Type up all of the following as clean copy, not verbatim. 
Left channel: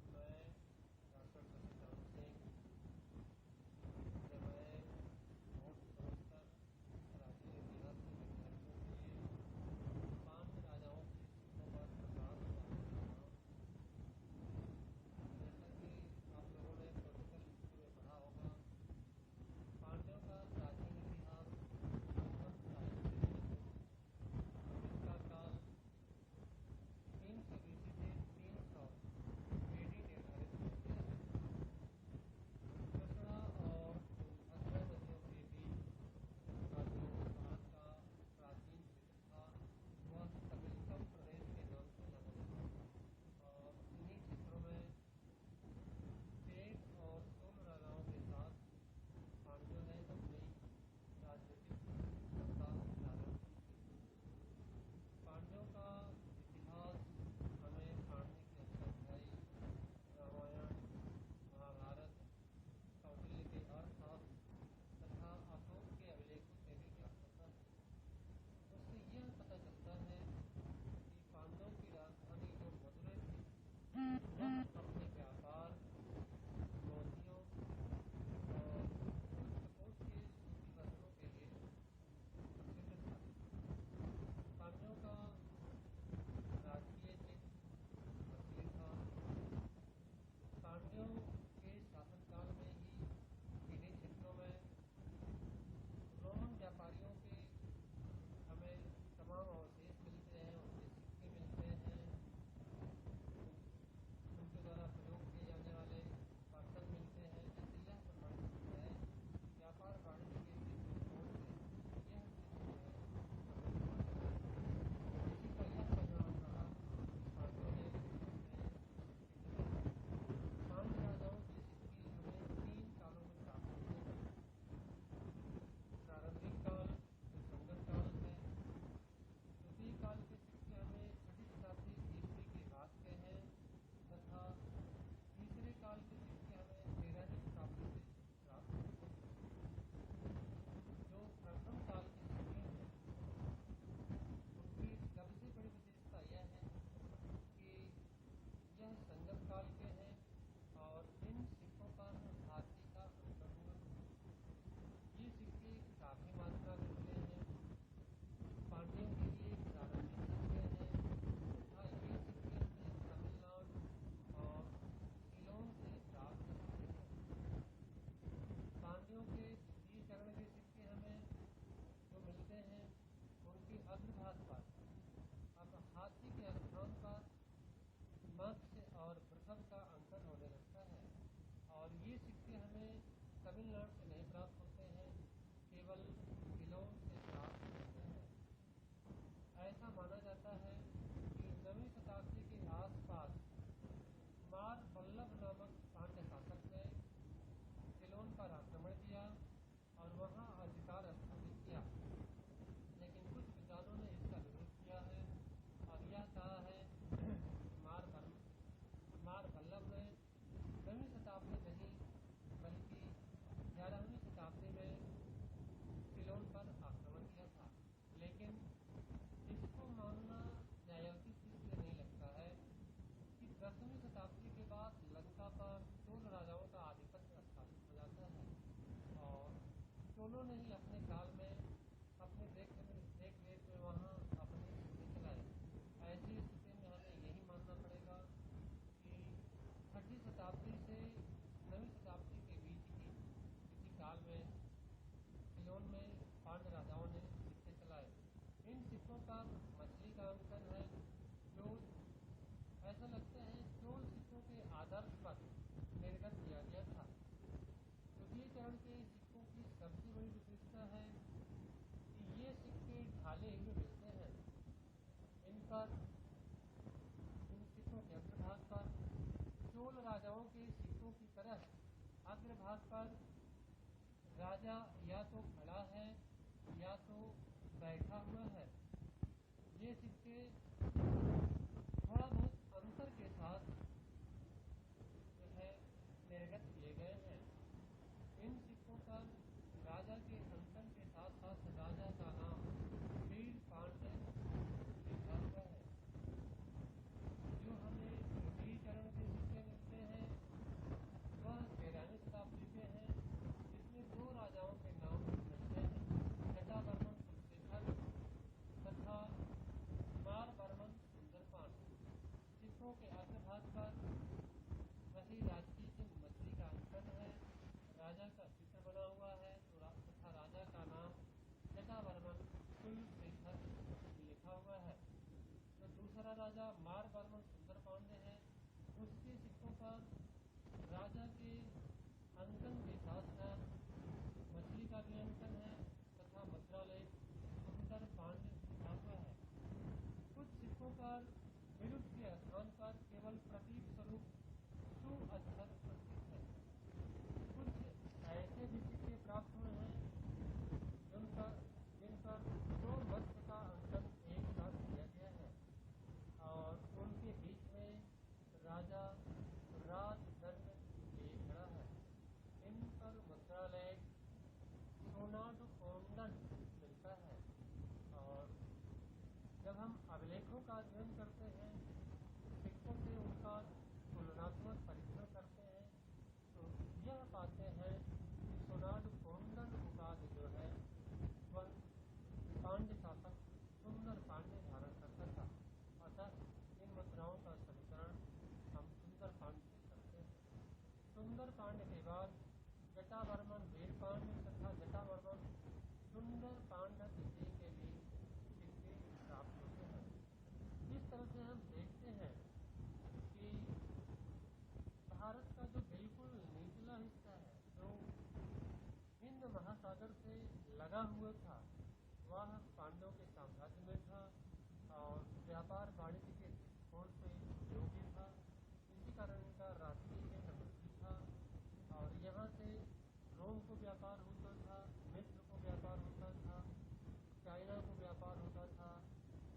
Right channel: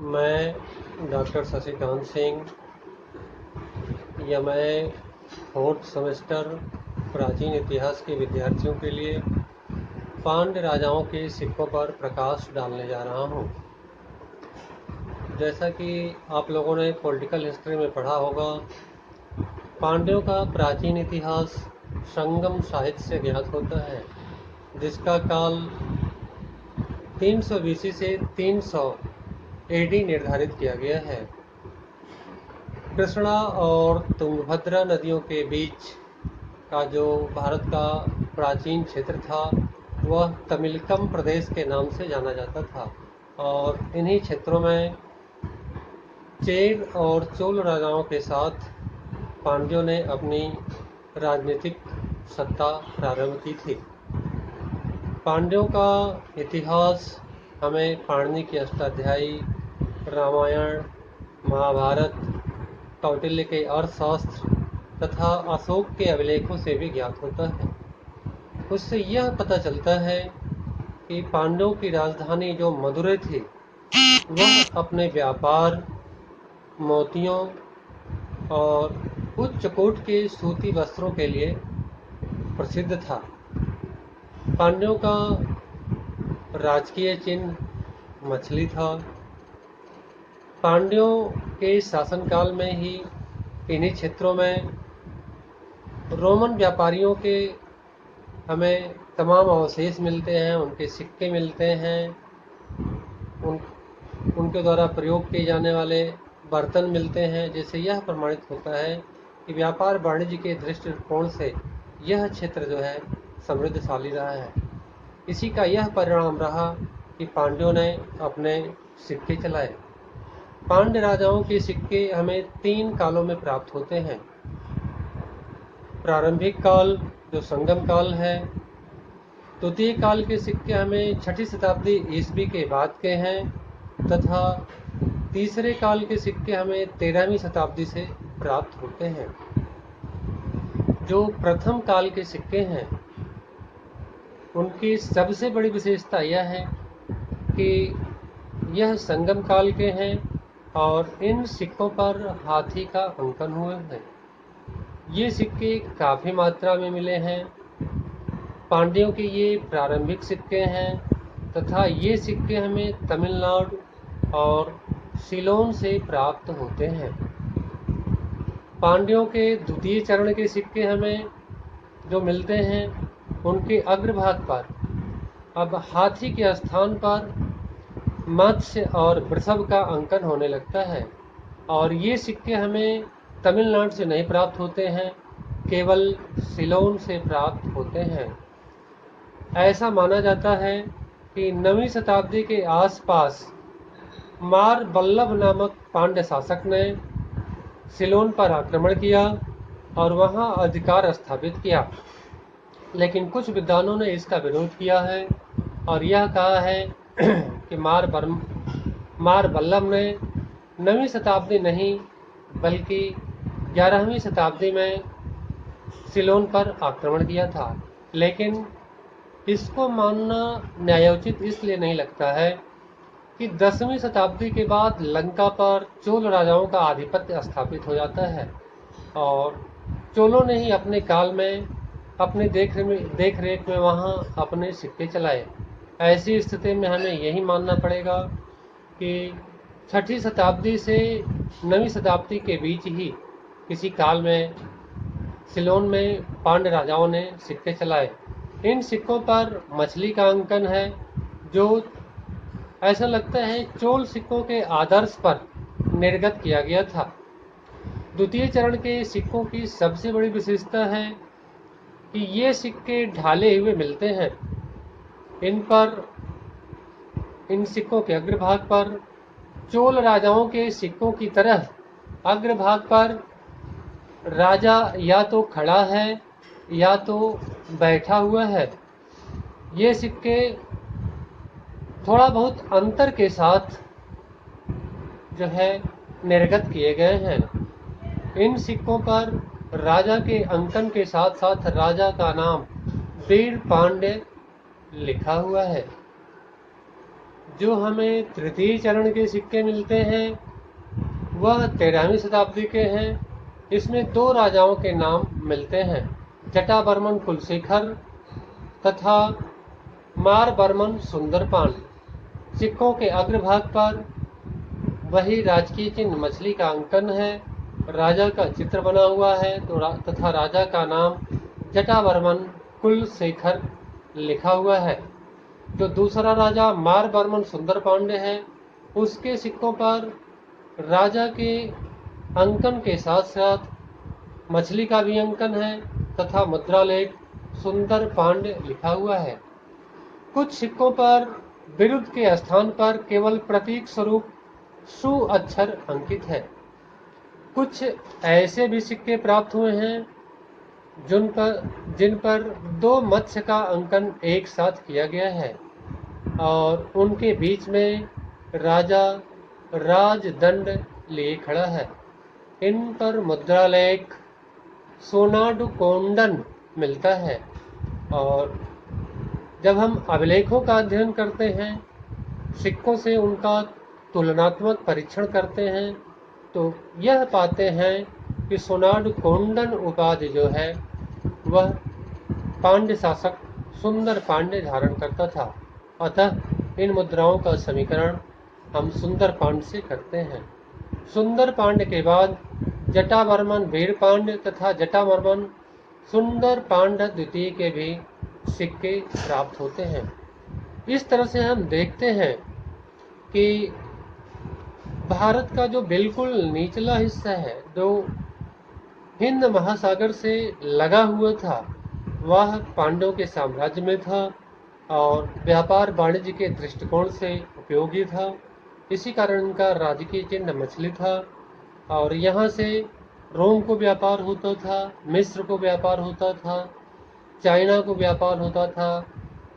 मैं डॉक्टर शशिकांत सिंह या मैं फोर्थ सेमेस्टर प्राचीन इतिहास के विद्यार्थियों के लिए पांड्य राजाओं के सिक्कों पर प्रकाश डालने जा रहा हूँ। जैसा कि आप लोगों ने पॉलिटिकल हिस्ट्री में पढ़ा होगा, पांड्यों का प्राचीन इतिहास संगम साहित्य से ज्ञात होता है, जिसका काल 300 बीसी से 300 एडी निर्धारित किया गया है। कृष्णा और तुंगभद्रा नदियों के बीच का जो भारत का प्राचीन क्षेत्र था वह तमिलकम प्रदेश के नाम से जाना जाता था, और इन्हीं क्षेत्रों में चेर और चोल राजाओं के साथ पांड्यों ने अपनी राजनीतिक सत्ता प्रारंभ की थी। पांड्यों का इतिहास हमें पाणिनि की अष्टाध्यायी, रामायण, महाभारत, कौटिल्य के अर्थशास्त्र तथा अशोक के अभिलेखों से भी ज्ञात होता है। उससे यह पता चलता है कि पांड्यों की राजधानी जो मदुरै थी वह अपने व्यापार, मोतियों और उच्च कोट के सूती वस्त्रों के लिए प्रसिद्ध था। पांड्यों का राजकीय चिन्ह मछली था। पांड्यों के शासनकाल में ही इन्हीं क्षेत्रों में रोमन व्यापारियों के हमें तमाम अवशेष मिलते हैं, उनके सिक्के मिलते हैं, उनके द्वारा प्रयोग किए जाने वाले बर्तन मिलते हैं, जिससे यह प्रमाणित होता है कि व्यापार वाणिज्य के दृष्टिकोण से यह क्षेत्र जो है समृद्धशाली रहा है। इसी का यह परिणाम रहा कि पांड्यों ने अपने सिक्के चलाए। पांड्य राजाओं के सिक्के हमें 3 कालों में प्राप्त होते हैं। प्रारंभिक काल जो संगम काल है, द्वितीय काल के सिक्के हमें 6ठी शताब्दी ईस्वी के बाद के हैं, तथा तीसरे काल के सिक्के हमें 13वीं शताब्दी से प्राप्त होते हैं। जो प्रथम काल के सिक्के हैं उनकी सबसे बड़ी विशेषता यह है कि यह संगम काल के हैं और इन सिक्कों पर हाथी का अंकन हुए हैं। ये सिक्के काफ़ी मात्रा में मिले हैं। पांड्यों के ये प्रारंभिक सिक्के हैं तथा ये सिक्के हमें तमिलनाडु और सिलोन से प्राप्त होते हैं। पांड्यों के द्वितीय चरण के सिक्के हमें जो मिलते हैं उनके अग्रभाग पर अब हाथी के स्थान पर मत्स्य और वृषभ का अंकन होने लगता है, और ये सिक्के हमें तमिलनाडु से नहीं प्राप्त होते हैं, केवल सिलोन से प्राप्त होते हैं। ऐसा माना जाता है कि 9वीं शताब्दी के आसपास मार बल्लभ नामक पांड्य शासक ने सिलोन पर आक्रमण किया और वहां अधिकार स्थापित किया, लेकिन कुछ विद्वानों ने इसका विरोध किया है और यह कहा है कि मार बल्लभ ने 9वीं शताब्दी नहीं बल्कि 11वीं शताब्दी में सिलोन पर आक्रमण किया था। लेकिन इसको मानना न्यायोचित इसलिए नहीं लगता है कि 10वीं शताब्दी के बाद लंका पर चोल राजाओं का आधिपत्य स्थापित हो जाता है और चोलों ने ही अपने काल में अपने देख रेख में वहाँ अपने सिक्के चलाए। ऐसी स्थिति में हमें यही मानना पड़ेगा कि 6ठी शताब्दी से 9वीं शताब्दी के बीच ही किसी काल में सिलोन में पांड्य राजाओं ने सिक्के चलाए। इन सिक्कों पर मछली का अंकन है, जो ऐसा लगता है चोल सिक्कों के आदर्श पर निर्गत किया गया था। द्वितीय चरण के सिक्कों की सबसे बड़ी विशेषता है कि ये सिक्के ढाले हुए मिलते हैं। इन सिक्कों के अग्रभाग पर चोल राजाओं के सिक्कों की तरह अग्रभाग पर राजा या तो खड़ा है या तो बैठा हुआ है। ये सिक्के थोड़ा बहुत अंतर के साथ जो है निर्गत किए गए हैं। इन सिक्कों पर राजा के अंकन के साथ साथ राजा का नाम वीर पांड्य लिखा हुआ है। जो हमें तृतीय चरण के सिक्के मिलते हैं वह 13वीं शताब्दी के हैं। इसमें 2 राजाओं के नाम मिलते हैं, जटावर्मन कुलशेखर तथा मारवर्मन सुंदरपान। सिक्कों के अग्रभाग पर वही राजकीय चिन्ह मछली का अंकन है, राजा का चित्र बना हुआ है तथा राजा का नाम जटावर्मन कुलशेखर लिखा हुआ है। जो दूसरा राजा मारवर्मन सुंदर पांडे है, उसके सिक्कों पर राजा के अंकन के साथ साथ मछली का भी अंकन है तथा मुद्रालेख सुंदर पांडे लिखा हुआ है। कुछ सिक्कों पर विरुद्ध के स्थान पर केवल प्रतीक स्वरूप सु अक्षर अंकित है। कुछ ऐसे भी सिक्के प्राप्त हुए हैं जिन पर 2 मत्स्य का अंकन एक साथ किया गया है और उनके बीच में राजा राजदंड लिए खड़ा है। इन पर मुद्रालेख सोनाडुकोंडन मिलता है और जब हम अभिलेखों का अध्ययन करते हैं, सिक्कों से उनका तुलनात्मक परीक्षण करते हैं, तो यह पाते हैं कि सोनाडुकोंडन उपाधि जो है वह पांड्य शासक सुंदर पांड्य धारण करता था। अतः इन मुद्राओं का समीकरण हम सुंदर पांड्य से करते हैं। सुंदर पांड्य के बाद जटावर्मन वीरपांड्य तथा जटावर्मन सुंदर पांड्य द्वितीय के भी सिक्के प्राप्त होते हैं। इस तरह से हम देखते हैं कि भारत का जो बिल्कुल निचला हिस्सा है, जो हिंद महासागर से लगा हुआ था, वह पांड्यों के साम्राज्य में था और व्यापार वाणिज्य के दृष्टिकोण से उपयोगी था। इसी कारण इनका राजकीय चिन्ह मछली था और यहाँ से रोम को व्यापार होता था, मिस्र को व्यापार होता था, चाइना को व्यापार होता था,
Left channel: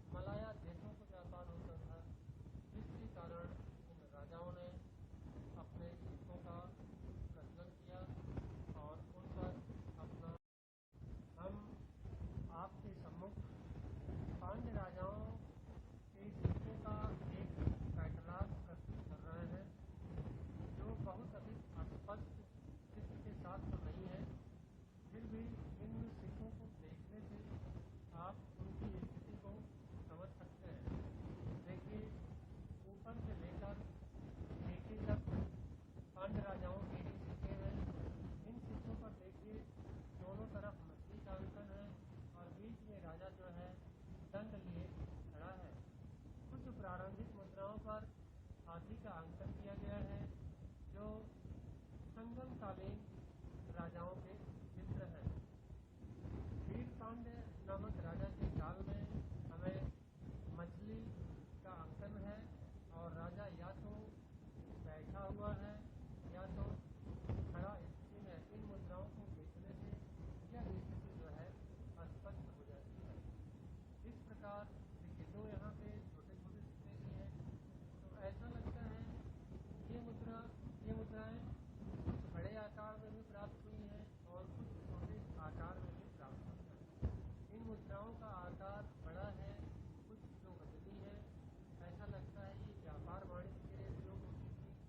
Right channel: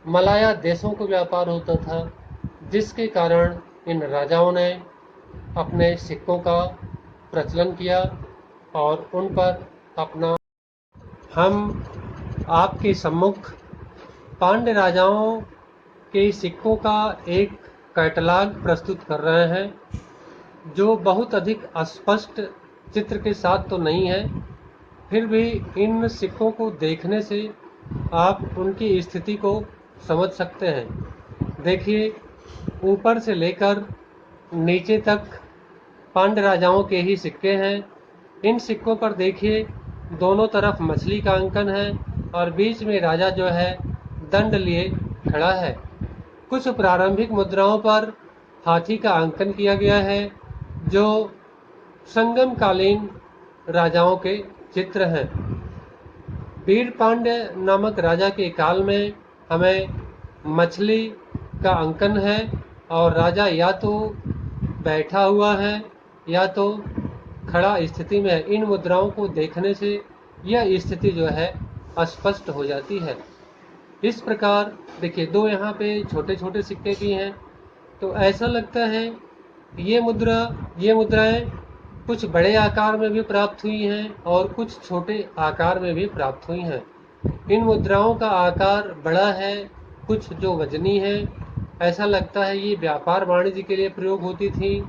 मलाया देशों को व्यापार होता था, जिसके कारण इन राजाओं ने अपने सिक्कों का प्रचलन किया और उन पर अपना हम आपके सम्मुख पांड्य राजाओं के सिक्कों का एक कैटलॉग प्रस्तुत कर रहे हैं, जो बहुत अधिक अस्पष्ट चित्र के साथ तो नहीं है, फिर भी इन सिक्कों को देखने से आप उनकी स्थिति को समझ सकते हैं। देखिए, ऊपर से लेकर नीचे तक पांड्य राजाओं के ही सिक्के हैं। इन सिक्कों पर देखिए, दोनों तरफ मछली का अंकन है और बीच में राजा जो है दंड लिए खड़ा है। कुछ प्रारंभिक मुद्राओं पर हाथी का अंकन किया गया है, जो संगम कालीन राजाओं के चित्र हैं। वीरपांड्य नामक राजा के काल में हमें मछली का अंकन है और राजा या तो बैठा हुआ है या तो खड़ा स्थिति में है। इन मुद्राओं को देखने से यह स्थिति जो है स्पष्ट हो जाती है। इस प्रकार देखिए, 2 यहाँ पे छोटे छोटे सिक्के भी हैं, तो ऐसा लगता है ये मुद्राएं कुछ बड़े आकार में भी प्राप्त हुई हैं और कुछ छोटे आकार में भी प्राप्त हुई हैं। इन मुद्राओं का आकार बड़ा है, कुछ जो वजनी है। ऐसा लगता है ये व्यापार वाणिज्य के लिए प्रयोग होती थी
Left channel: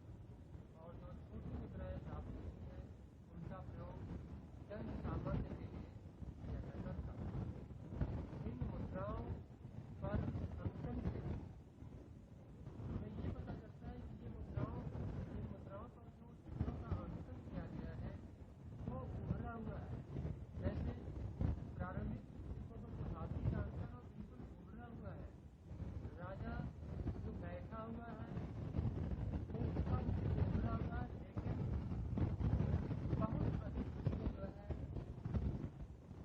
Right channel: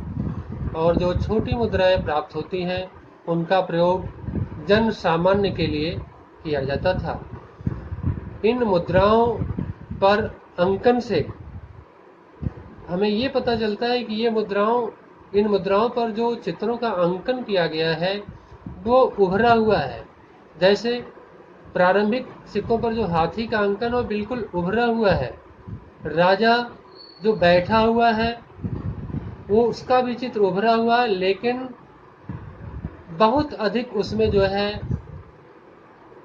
और जो छोटी मुद्राएं प्राप्त होती हैं उनका प्रयोग जन सामान्य के लिए किया जाता था। इन मुद्राओं पर अंकन से हमें ये पता चलता है कि इन मुद्राओं पर जो चित्रों का अंकन किया गया है वो उभरा हुआ है। जैसे प्रारंभिक सिक्कों पर जो हाथी का अंकन वो बिल्कुल उभरा हुआ है, राजा जो बैठा हुआ है वो उसका भी चित्र उभरा हुआ है, लेकिन बहुत अधिक उसमें जो है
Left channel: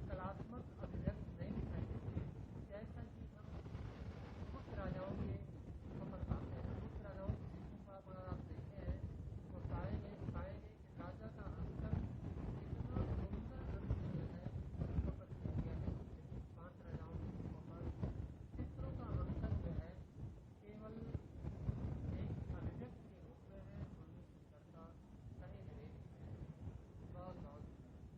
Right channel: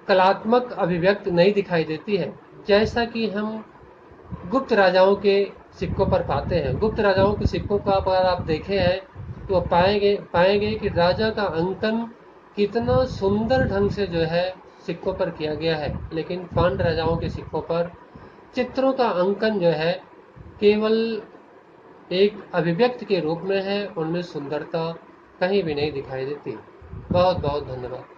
कलात्मक अभिव्यक्ति नहीं दिखाई देती है, जैसा कि हम गुप्त राजाओं के सिक्कों पर पाते हैं। गुप्त राजाओं के सिक्कों का अगर आप देखे हैं तो पाएंगे कि राजा का अंकन कितना सुंदर ढंग से जो है सिक्कों पर किया गया है, लेकिन पांड्य राजाओं के सिक्कों पर चित्रों का अंकन जो है केवल एक अभिव्यक्ति के रूप में है, उनमें सुंदरता कहीं भी नहीं दिखाई देती। बहुत बहुत धन्यवाद।